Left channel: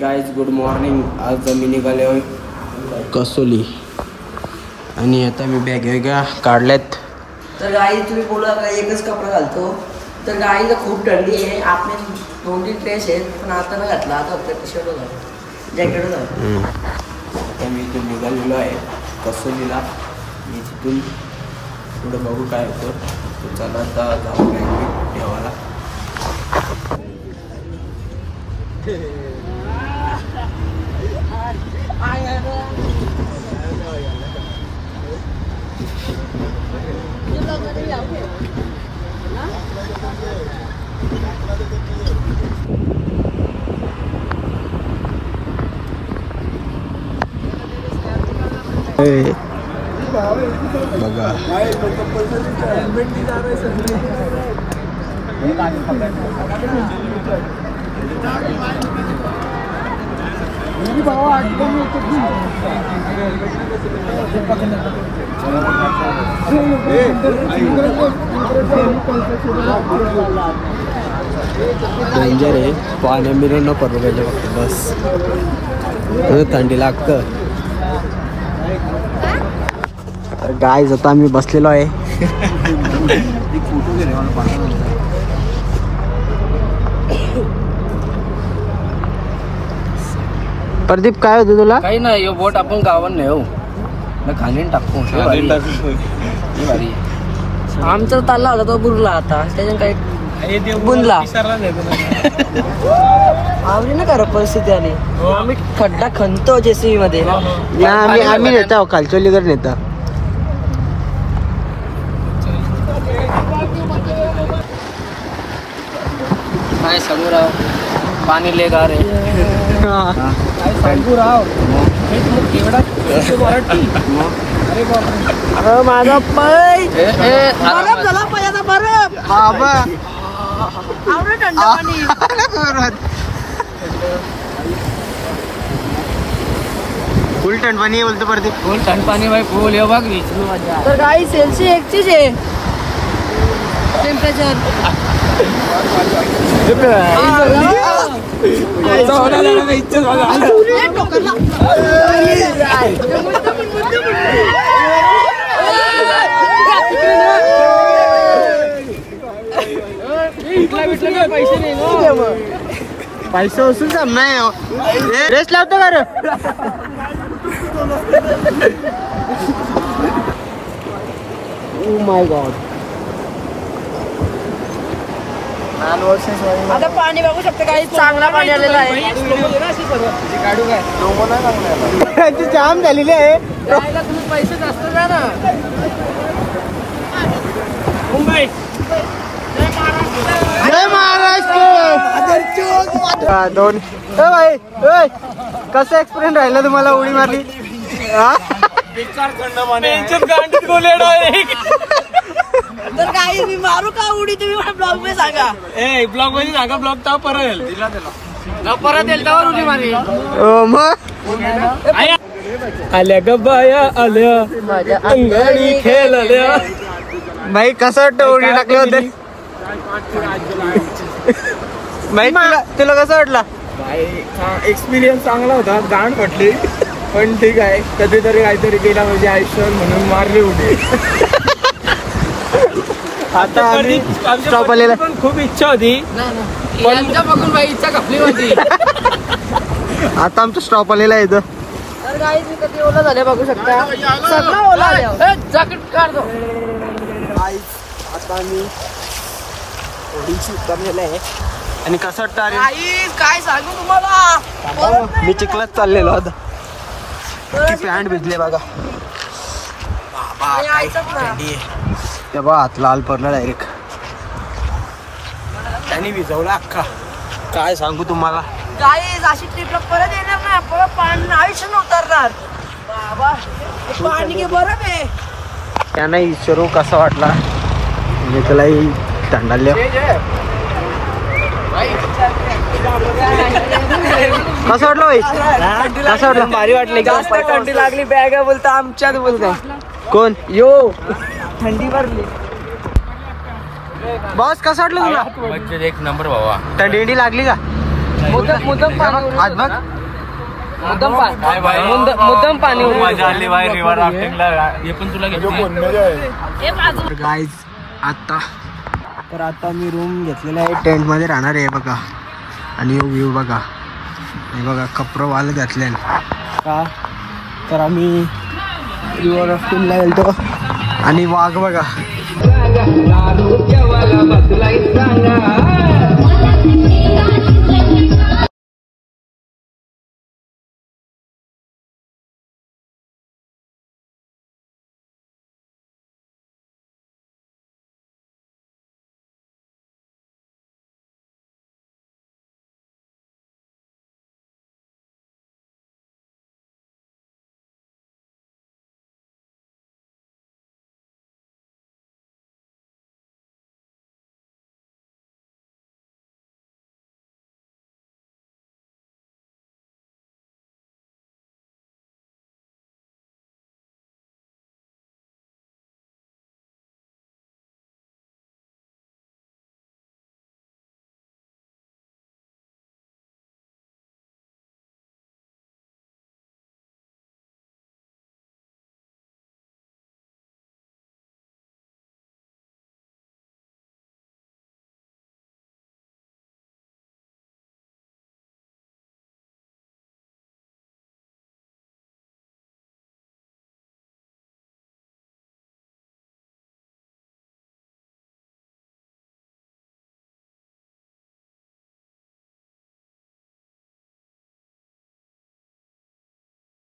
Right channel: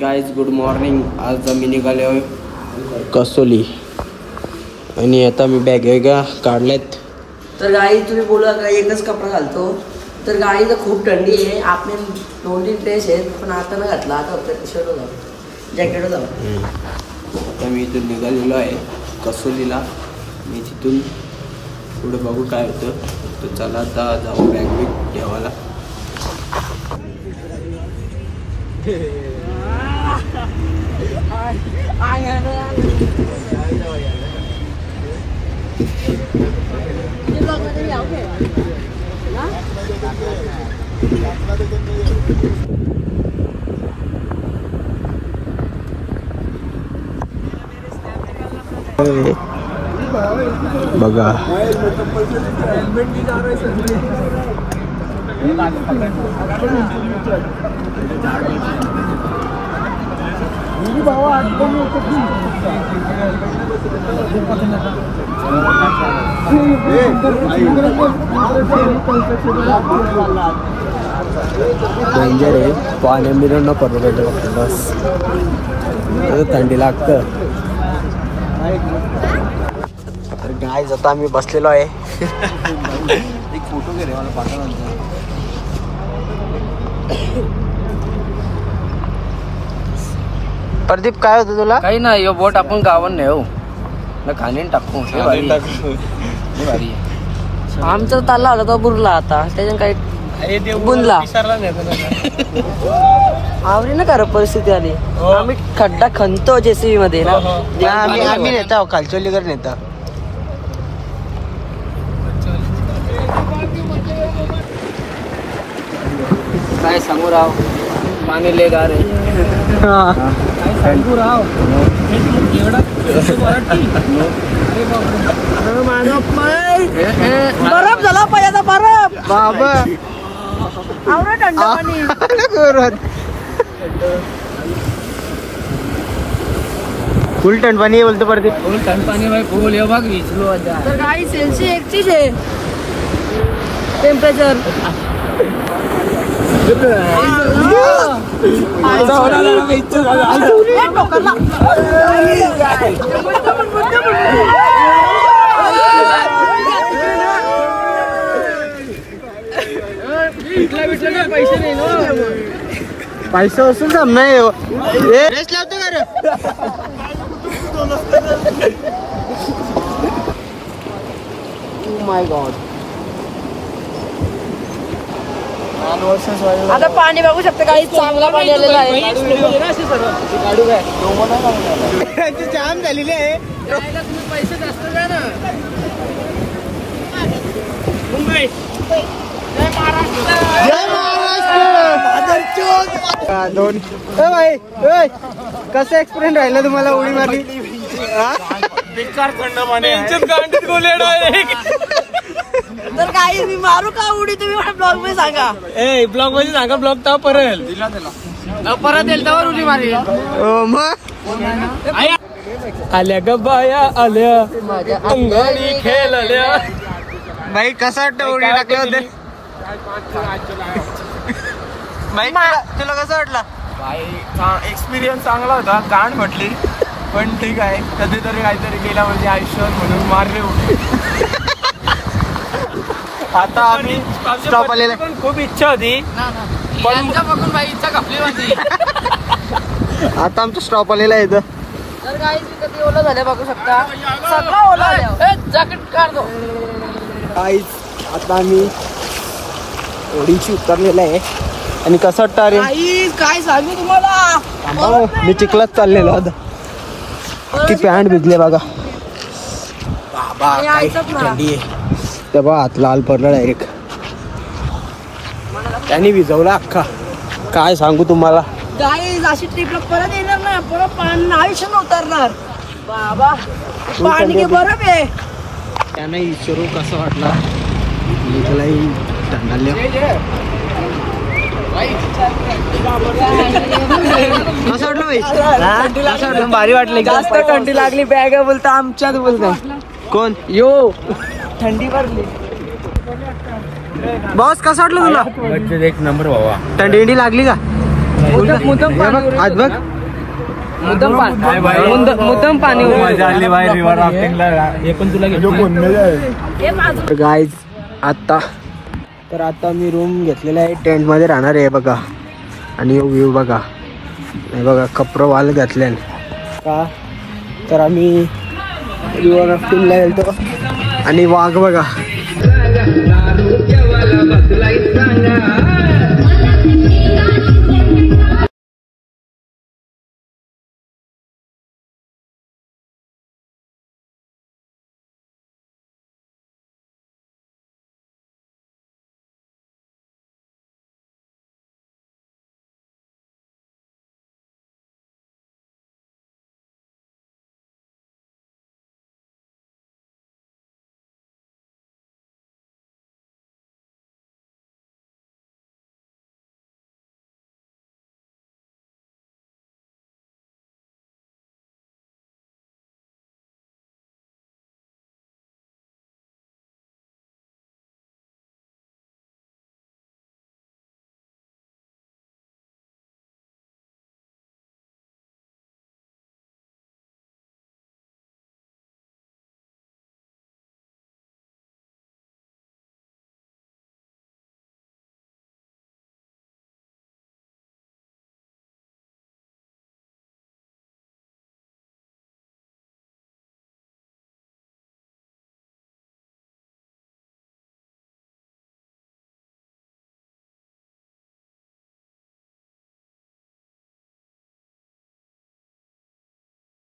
Guys good morning. आज मी निघालो कसोली आणि आता मी बॅग वेगळ्या काढल्यात. तर गाई तुम्ही बोला का एकच कपडा घालतो तर गाईला खूप थंडी आहे. आपले 2-3 ड्रेस आहेत पण आता न घातला. आता फक्त शर्ट जॅकेट जाऊ. आता मी इथून निघालेलो आहे कसोलीला. मी तिथून पुढे बघू काय होतं. तर चला आता जाऊ बॅग वेग ठेवायला. बघा डेंजर आहे. पाण्या मिळून न पडलं पाहिजे फक्त बस. थंडी लागतं. तर गाय आता आम्ही बसलेलो आहे. प्रदीप काय होतं तुला? काही नाही. बोट आपण गावात नेऊ खाली टाकतो. आमचा ताल्ला होता तो बुरला. आता त्याच्यात काही बुनला आम्ही ना खरं परिस्थिती आली. आम्ही खड्डा खणतो जेसीबी मध्ये. आम्ही नेता खालचोलीकर नेता. काय सांगू राव पाणी लय गार आहे. सांगू राव माझा पाय बरफ झाला. पायाचा बरफ बाबा फुल थंड पाणी बोलतो प्रदीप. फुल थंड पाणी भाई फुल ये बघ विचलो. तर काही सेल्सियस एकचीच आहे टेम्परेचर. पैसे नाही पैसा असून सामना रेस लावतो का रे. Oh my God. आता पाणी बघू शकतो. काही चांगला पाणी आलेलं आहे. जाम झालेली आहे. तुम्ही पैसे जास्त द्या ना. जय महाराष्ट्र. दोन भाई कसं एक्सपिरियन्स राहिलं तुम्हाला उडी मारली? तर काही मी मारू का उडी तुम्ही ब्लॉग मध्ये सांगा. ब्लॉग मध्ये सांगा. ब्लॉग तर परत येईल त्यावर उडी मारी. मग आल्या ग बाया आल्या माझ्या अंगाडी खेळल्या. भाई कसं वाटतं उडी टाकले होते? माहिती तुला कसं वाटला? एक्सपिरियन्स चांगला होता. गाण म्हटली पण ठीक आहे. कधीतरी काहीतरी केला म्हणजे आयुष्यावर म्हणून मारले उडी. आता आम्ही स्टॉप आलेला. पण खूप इच्छा होती यांच्या बघून बाई इच्छा खपली होती. आता आमचा स्टॉप आलेला आहे इथं. तर काही मी कधी ओला झाल्या बघू शकता. सगळं ओला जॅकेट काढतो. आता आम्ही ओढीची उतरलेला आहे. आणि कसं वाटतं अरे? काय सांगू तुम्हाला. मी चिखलात चाललेलो आता. ती पॅन्ट भिजले बघा. बाबा काय थंडी आहे. तेव्हा हात लाल पडला डायरेक्ट. त्याने विजवला अख्खा. काय सांगू तुम्हाला. गाई अशी ट्रिपला परत येणार ना. परत पाणी आयुष्य उतरणार. बाबा पाणी बरं आहे. त्यांना विचारू कसा वाटला. म्हणजे त्यालाही थंडाले. कसं वाटलं भाई? कसं वाटलं? भारी वाटले. जास्त थंडी लागली. बॅग बोलता आमच्यात बोलतो. कोण यो थंडी पडली. बॉस कसं वाटलं तुला? एक नंबर बाबा. थंडी लागली का? आज बघ मुद्दम पाणी मजा आली बाहेर रिव्हर राफ्टिंगला. हे पण तुला घेतलं गाईज. आता मी रूम घेतलेला आहे, टेंट मध्ये राहणार आहे बघा. आणि व्ह्यू बघा, हे बघा कपडे वाल घातले का. तर आम्ही रिव्हर राफ्टिंगला गेलतो आणि वाघ बघा